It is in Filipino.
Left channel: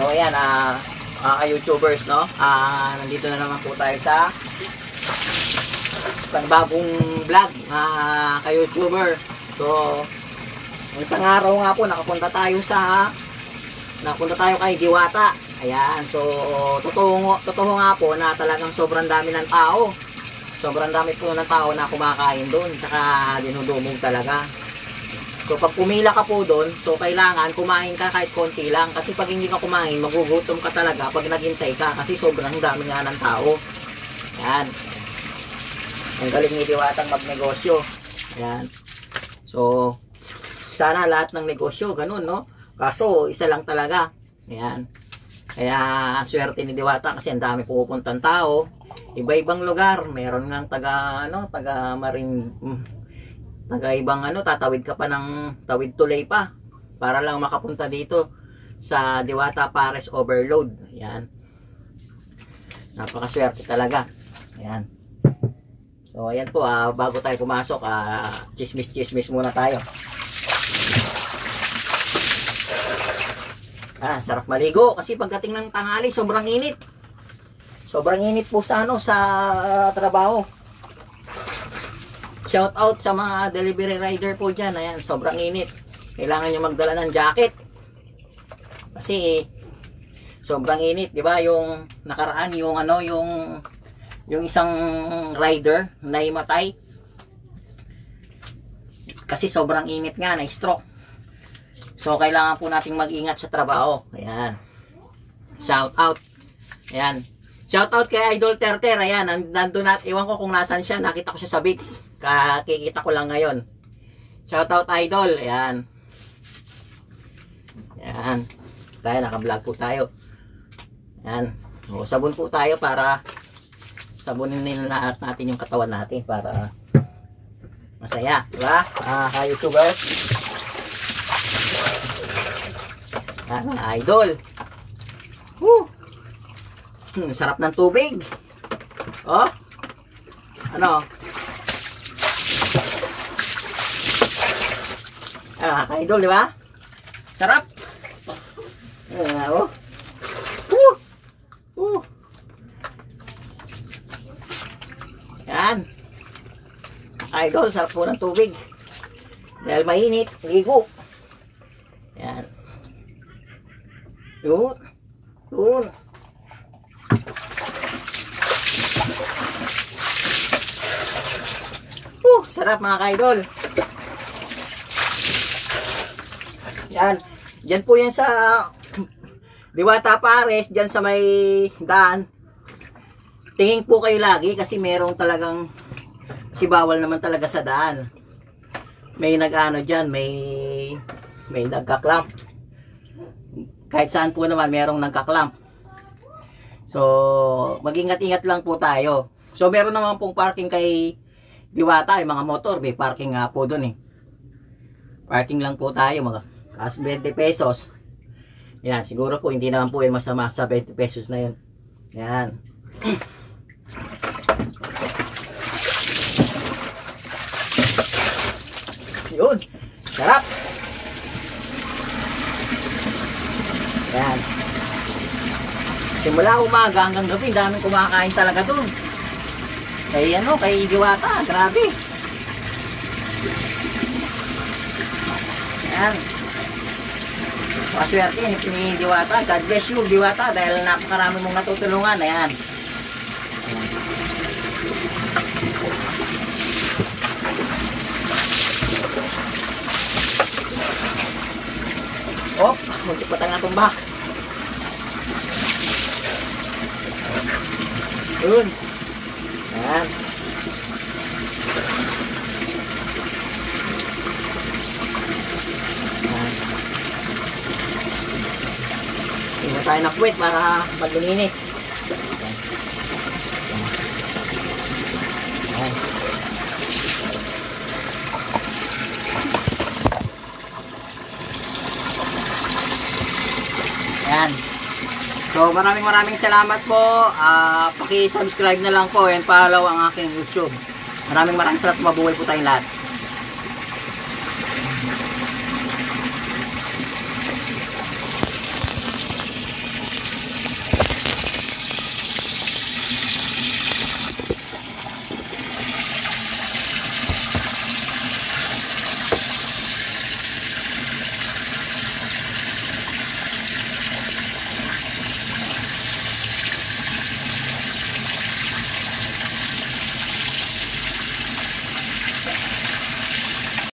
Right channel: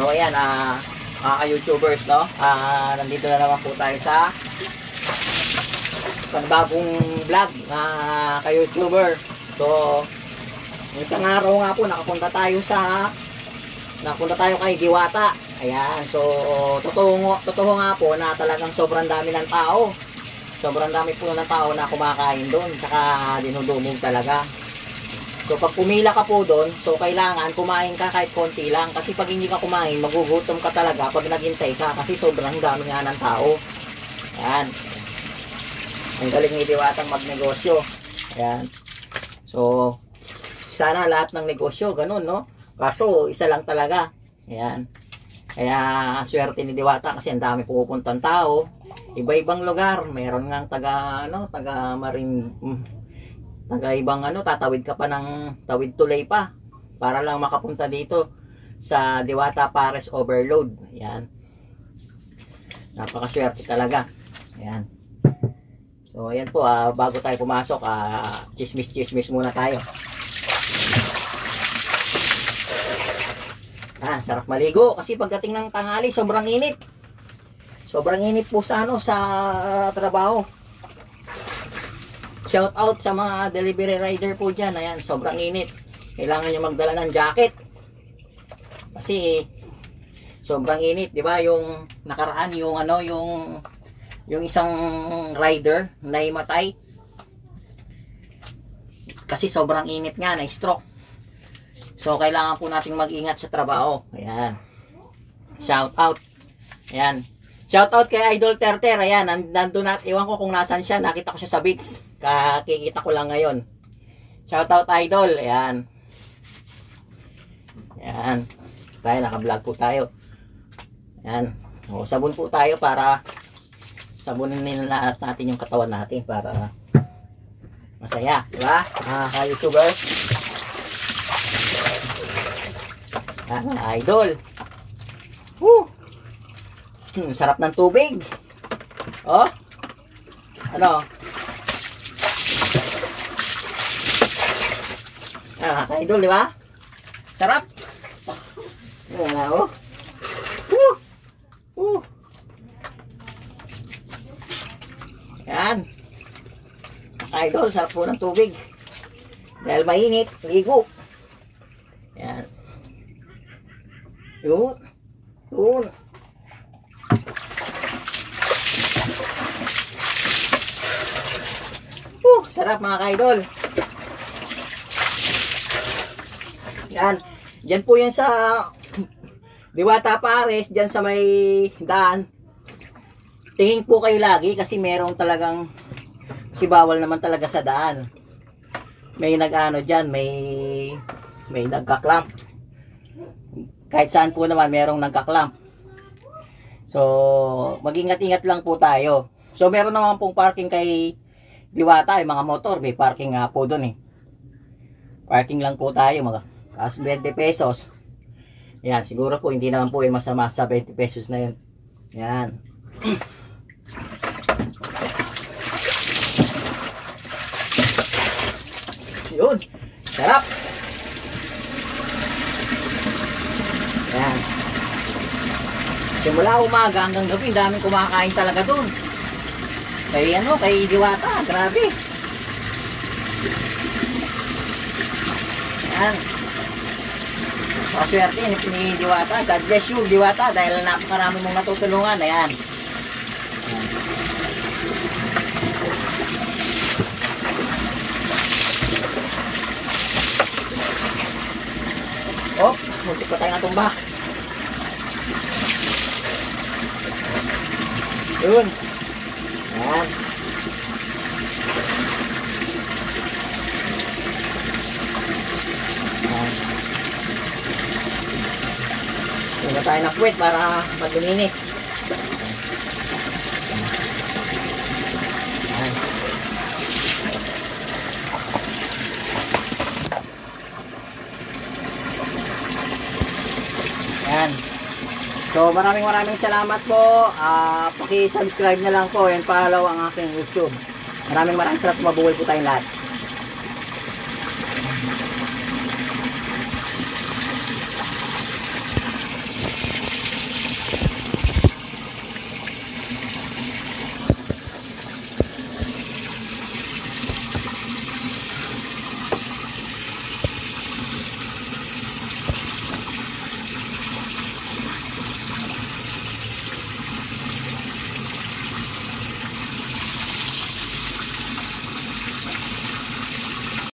So ayan, mga ka-YouTubers, no? Nandito na naman po tayo sa panibagong vlog, mga ka-YouTuber. So isang araw nga po nakapunta tayo kay Diwata. Ayan, so totoo nga po na talagang sobrang dami ng tao. Sobrang dami po ng tao na kumakain doon, saka dinudumog talaga. So pag pumila ka po doon, so kailangan kumain ka kahit konti lang. Kasi pag hindi ka kumain, magugutom ka talaga pag naghintay ka. Kasi sobrang dami nga ng tao. Ayan. Ang galing ni Diwatang magnegosyo. Ayan. So, sana lahat ng negosyo, ganun, no? Kaso, isa lang talaga. Ayan. Kaya, swerte ni Diwata kasi ang dami pupuntang tao. Iba-ibang lugar. Meron nga taga Marin... ibang tatawid ka pa ng tawid tulay pa para lang makapunta dito sa Diwata Pares Overload. Ayan, napakaswerte talaga. Ayan. So ayan po, bago tayo pumasok, chismis muna tayo. Sarap maligo kasi pagdating ng tanghali sobrang init po sa trabaho. Shout out sa mga delivery rider po dyan. Ayan, sobrang init. Kailangan nyo magdala ng jacket. Kasi sobrang init, 'di ba? Yung nakaraan yung isang rider na imatay. Kasi sobrang init nga, na-stroke. So kailangan po nating mag-ingat sa trabaho. Ayan. Shout out. Ayan. Shout out kay Idol Terter. Ayan, nandun na, iwan ko kung nasan siya. Nakita ko siya sa beach. Kakikita ko lang ngayon. Shout out Idol. Ayan. Ayan. Tayo, naka-vlog po tayo. Ayan. O, sabon po tayo para sabunin nila natin yung katawan natin para masaya. Diba? Ka-YouTuber. Idol. Woo! Sarap ng tubig. Oh. Ano? Idol, di ba? Sarap. Oh. Yan. Idol, sarap po ng tubig. Dahil mainit, ligo. Yan. Yun. Sarap mga ka-idol. Yan. Diyan po yan sa Diwata Pares. Diyan sa may daan. Tingin po kayo lagi kasi merong talagang si bawal naman talaga sa daan. May dyan. May nagkaklamp. Kahit saan po naman merong nagkaklamp. So mag-ingat-ingat lang po tayo. So meron naman pong parking kay Diwata, yung mga motor, may parking nga po doon eh. Parking lang po tayo, mga kas 20 pesos. Yan, siguro po hindi naman po yung masama sa 20 pesos na yun. Yan. Yun, sarap. Yan. Simula umaga hanggang gabi, daming kumakain talaga doon. Kay Diwata, grabe. Yan. Paswerte ni Diwata. God bless you, Diwata, dahil napakarami mong natutulungan. Ayan. Oh, hindi pa tayo natumba. Yun. Ayan. Hindi na tayo nakwit para maglilinis. Ayan. Ayan. So maraming salamat po. Paki-subscribe na lang po and follow ang aking YouTube. Maraming salamat, mabuhay po tayong lahat.